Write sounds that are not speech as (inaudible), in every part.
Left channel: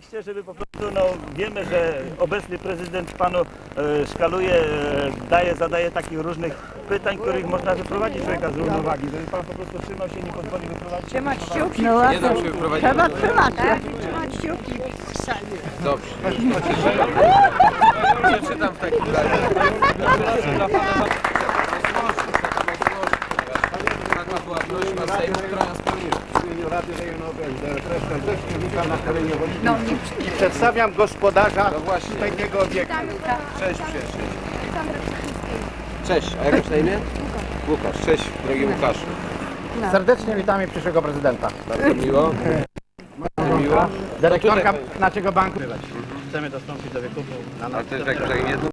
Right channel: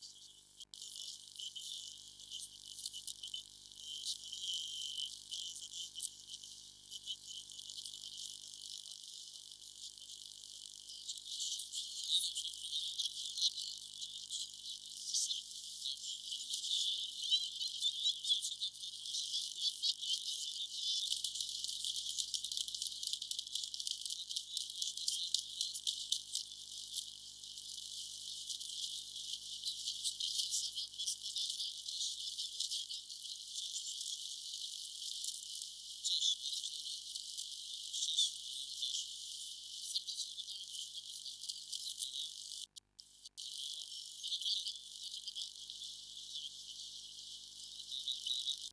Kontekście, żeby po prostu, no, wiemy, że obecny prezydent panu e, szkaluje, e, daje, zadaje takich różnych pytań, których można wyprowadzić człowieka z równowagi. Żeby pan po prostu trzymał się i nie pozwoli wyprowadzić. Trzymać kciuki. No, Nie dam się wyprowadzić. Trzeba trzymać, tak? Trzymać kciuki. Dobrze. Przeczytam w takim razie. Taka była prośba Sejmu, która nas spełniła. W imieniu Rady Rejonowej DRT serdecznie witam na terenie No, nie i przedstawiam gospodarza No tego obiektu. Cześć przyjaciel. Cześć, a jak masz na imię? Łukasz. Cześć, drogi Łukaszu. Serdecznie witamy przyszłego prezydenta. Bardzo miło. Bardzo miło. Dyrektorka naszego banku. Chcemy dostąpić do wykupu na Ale to jest jakimś takim jednym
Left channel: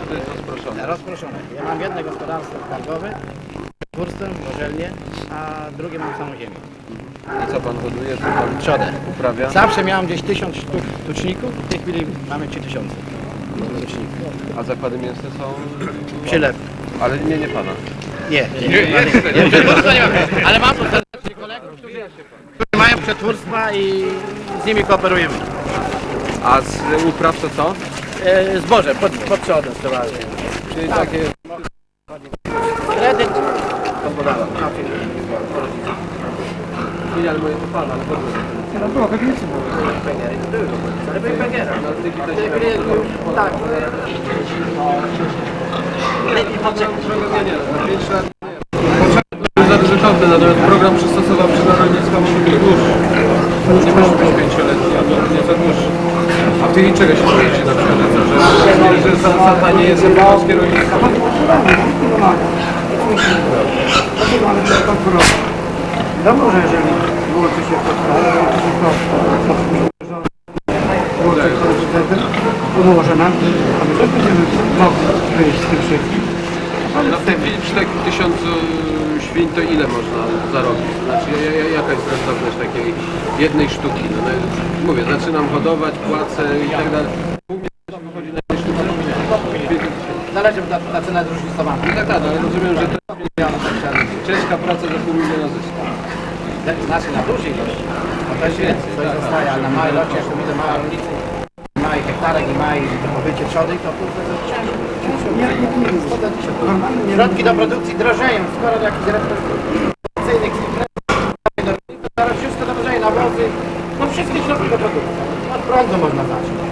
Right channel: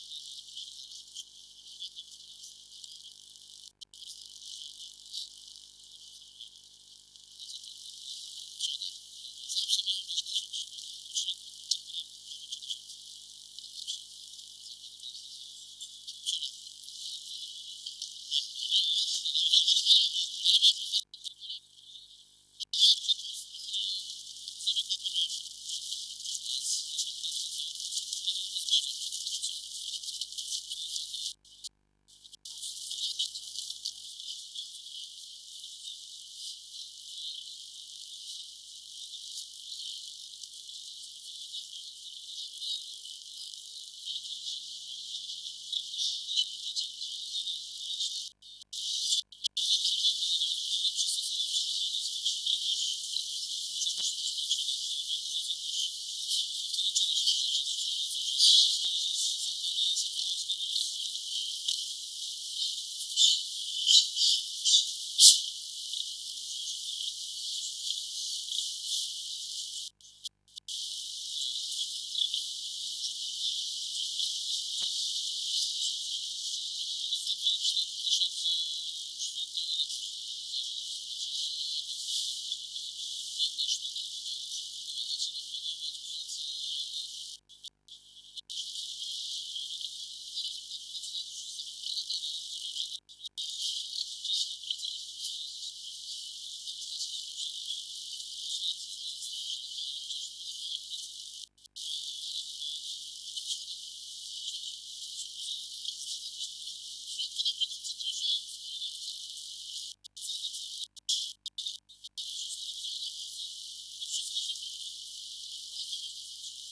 czy to jest rozproszone? Rozproszone. Ja mam jedno gospodarstwo skargowe, kursem, gorzelnie, a drugie mam samą ziemię. I co pan hoduje? Co pan Trzodę. uprawia? Zawsze miałem gdzieś tysiąc sztuk tuczników, w tej chwili mamy 3000 tuczników. A zakłady mięsne są... Przylew. Ale nie, nie pana. Nie, nie, nie, nie, przetwórstwa nie mam. Ale mam tu serdecznie kolegów, którzy, którzy mają przetwórstwa i z nimi kooperujemy. A z upraw to co? E, zboże, pod, pod przodę przeważnie. Czyli takie... Kredyt gospodarstwa. Nie, ale moje to pana, ale dobrze. Ale były pęgiera. No, w tej chwili to się Tak. Nie, nie, za 5 lat nie. Za kontent, natomiast program przystosowawczy dla rolnictwa może być dłuższy. Nie może być pięcioletni, albo nie za dłuższy. A w tej czego się boicie na przykład? Że, że zasada nie jest polskie rolnictwo? Wiadomo, że jeżeli wyłączy się to, to umoże nam, a my też będziemy mogli wyjść z tym wszystkim. No w tej chwili przy takim tysiącu świń to ile można zarobić? Znaczy ja- ja- jaka jest rentowność takiej jednej sztuki? No, no, mówię, zaczynam hodować, płacę i tak dalej. Wychodzi na jednej sztuce? Zależy, bo ta, ta cena jest zróżnicowana. No tak, tak, ale rozumiem, że to ciężka praca za pół miliona zysku. Znaczy na dużej ilości. No to jest więcej, coś zostaje, a na małej ilości, jak to widzę małe rolnicy, małych hektarek i małych pobycie trzody, to kurde to ciężko. Środki do produkcji drożeją, skoro do jakichś reprezentacyjnych to teraz wszystko drożeje, nawozy, no wszystkie środki do produkcji. Od prądu można zacząć.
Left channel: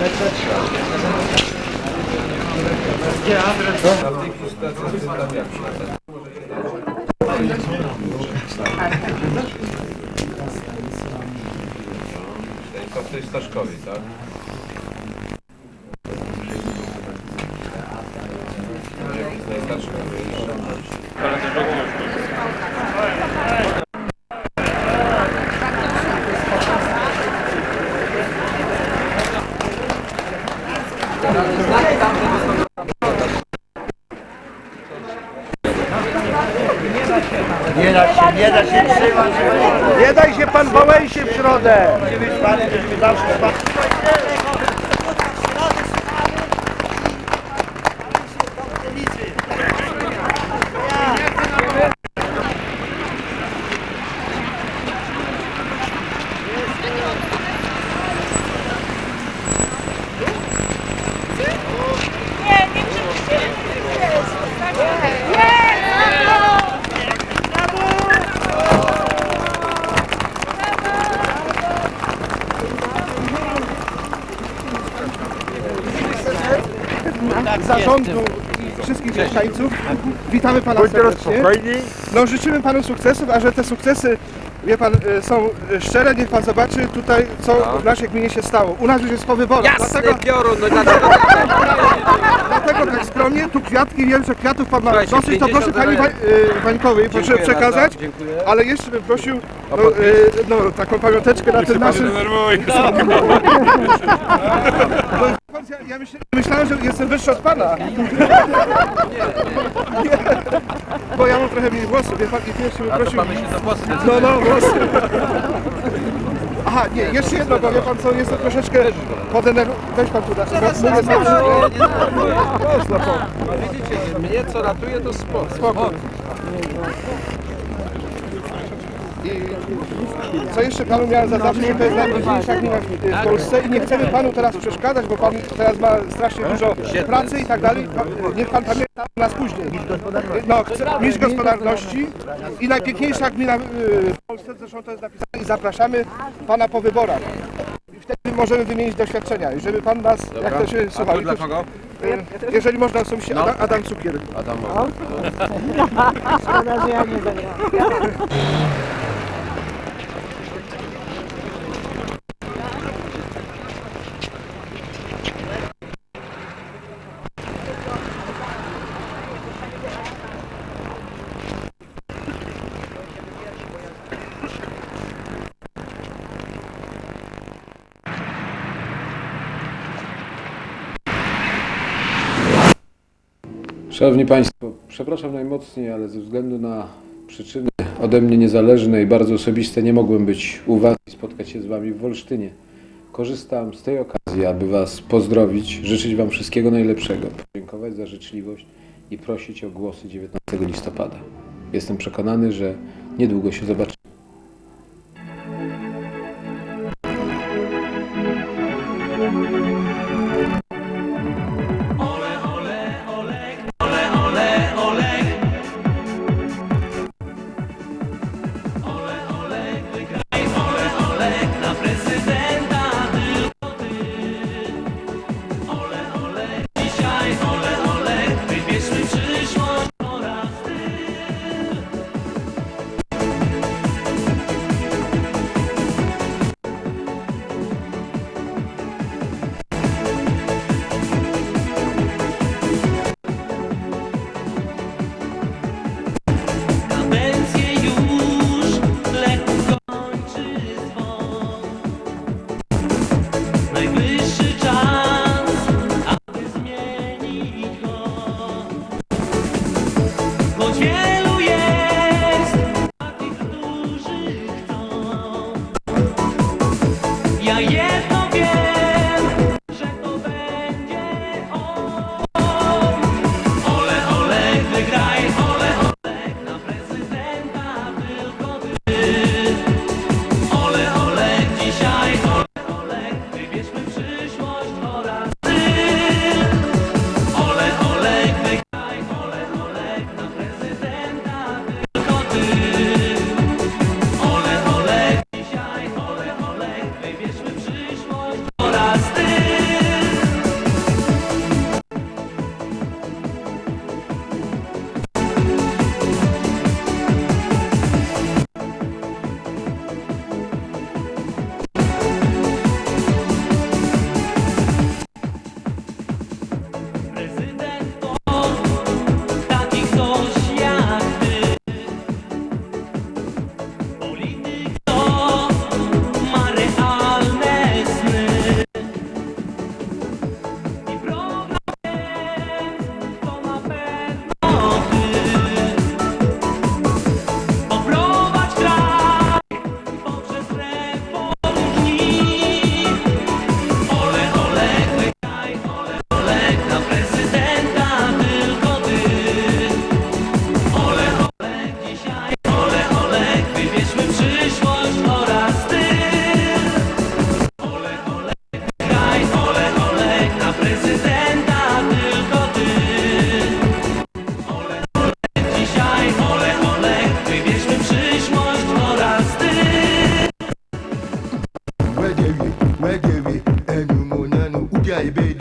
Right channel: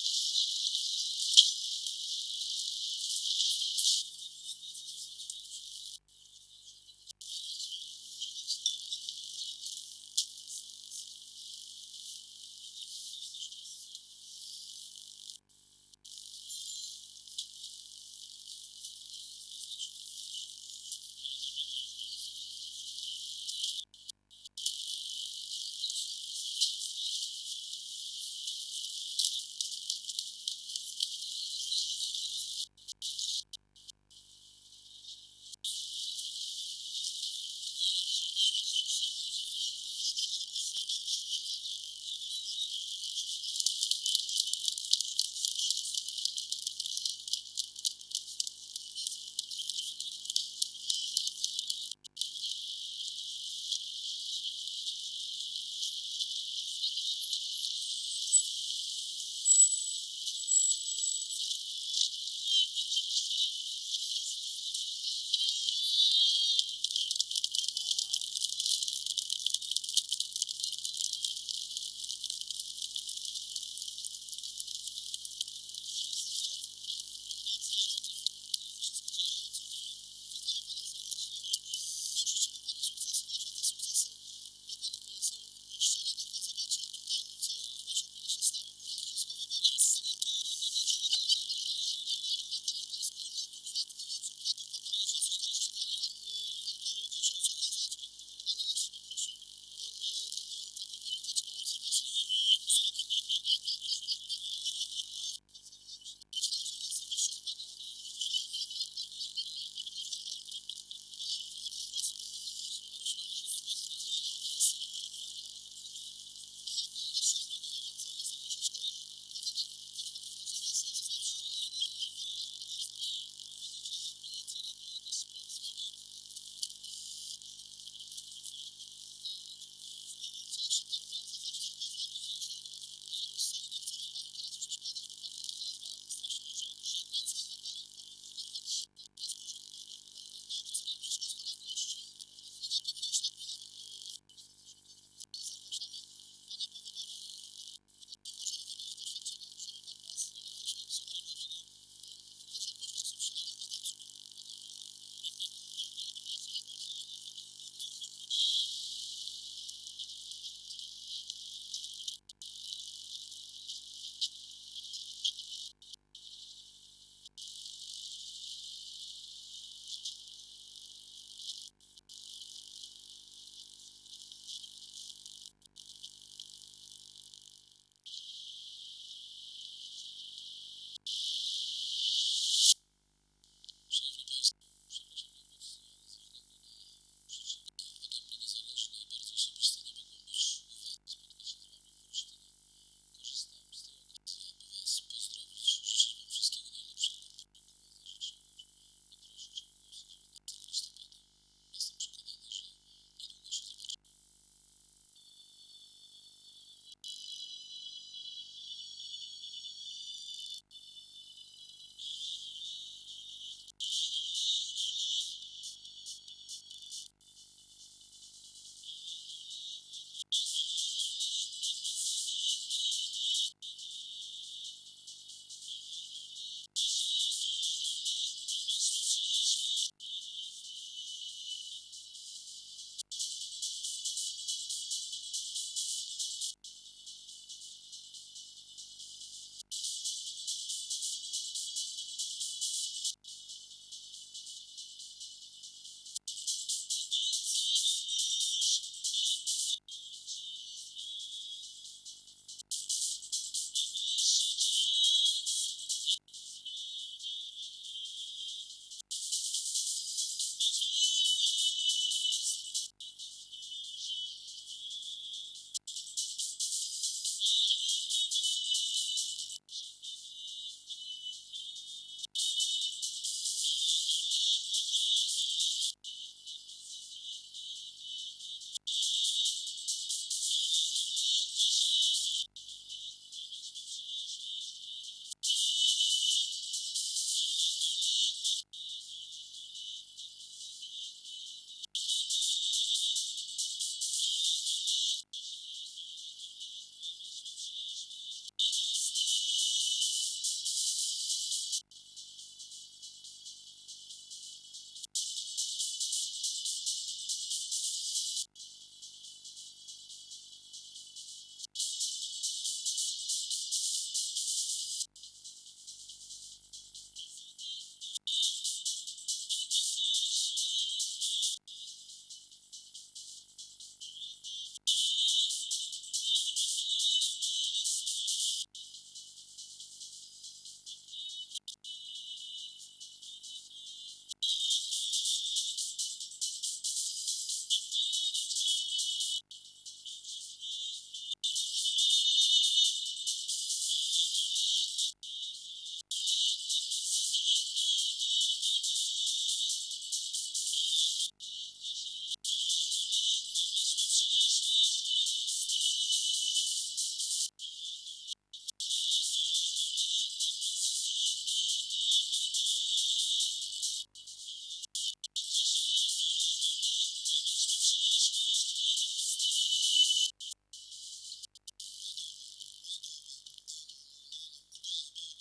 To w tej Staszkowej, tak? convidados que zarządu wszystkich mieszkańców. Witamy pana serdecznie. No życzymy panu sukcesów, a że te sukcesy, wie pan, y, są y, szczere, niech pan zobaczy tutaj, co w naszej gminie się stało. U nas już jest po wyborach, dlatego, piorun, no dlaczego? dlatego tak skromnie, tu kwiatki, wiem, że kwiatów pan ma Słuchajcie, dosyć, to proszę 50 pani Wa- y, Wańkowej, proszę Dziękuję przekazać. Ale jeszcze bym prosił no, y, no, taką pamiąteczkę na tym naszym... (laughs) No, ja, ja myśl, myślałem, że jestem wyższy od pana. Nie, bo ja mam trochę mniej włosów, wie pan, i pierwszy A to prosił... mamy się zapłacać. No, no, włosy. Aha, nie, jeszcze jedno, bo wie pan co, jestem troszeczkę podenerwowany. Weź pan tu, da- bo mówię znowu. Widzicie, mnie co ratuje to sport. Spokój. I co jeszcze panu miałem zaznaczyć, że to jest najważniejsza gmina w Polsce i nie chcemy panu teraz przeszkadzać, bo pan teraz ma strasznie dużo pracy i tak dalej. Niech pan pamięta o nas później. No, chcę, mistrz gospodarności i najpiękniejsza gmina y, w Polsce, zresztą to jest napisane i zapraszamy pana po wyborach. I wtedy możemy wymienić doświadczenia i żeby pan nas, jak to się słuchał, dla kogo? jeżeli można osobiście, Adam, Adam Cukier. Adamowa. Szanowni Państwo, przepraszam najmocniej, ale ze względu na przyczyny ode mnie niezależne i bardzo osobiste nie mogłem być u Was i spotkać się z Wami w Wolsztynie. Korzystam z tej okazji, aby Was pozdrowić, życzyć Wam wszystkiego najlepszego, podziękować za życzliwość i prosić o głosy 19 listopada. Jestem przekonany, że niedługo się zobaczymy. 保全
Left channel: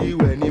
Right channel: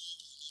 you and me.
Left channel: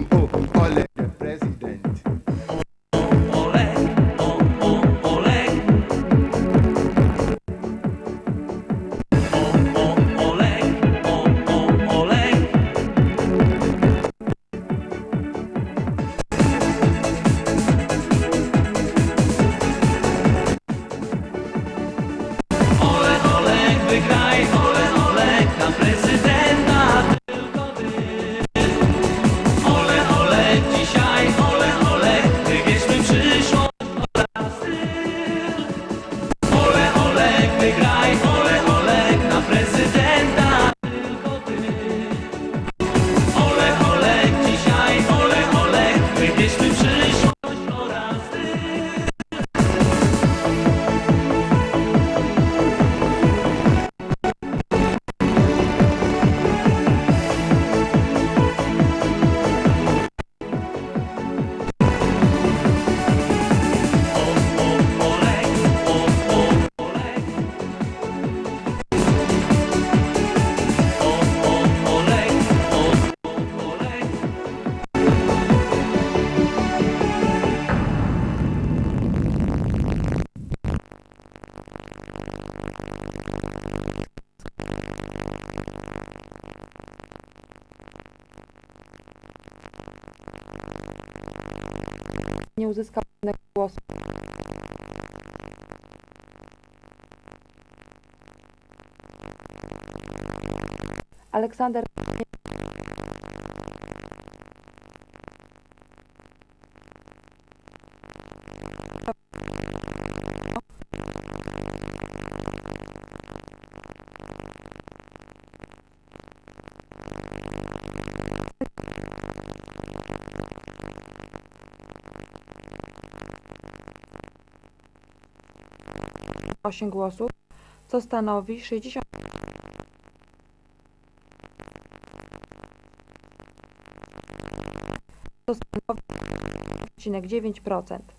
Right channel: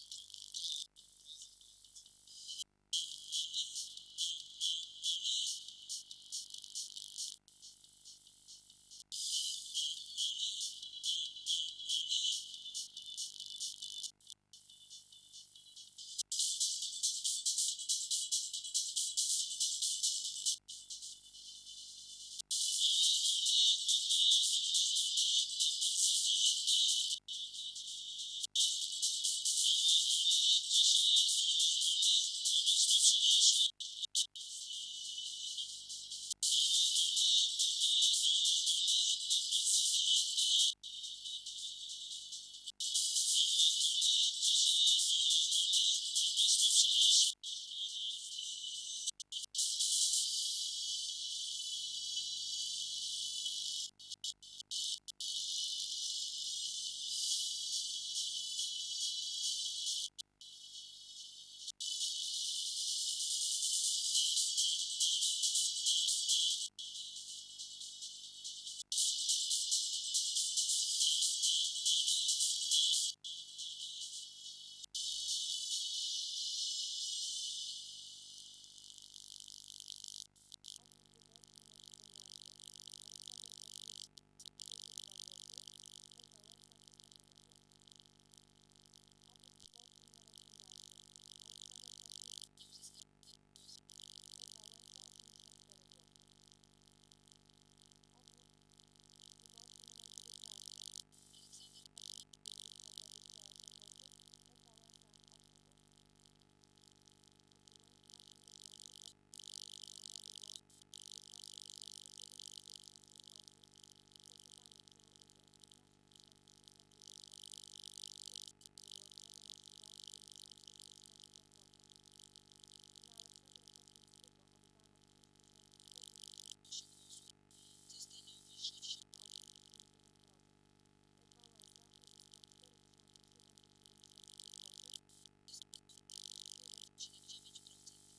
Uzyskał jednego głosu. Aleksander osiem głosów, co stanowi 60 to stanowi 9%.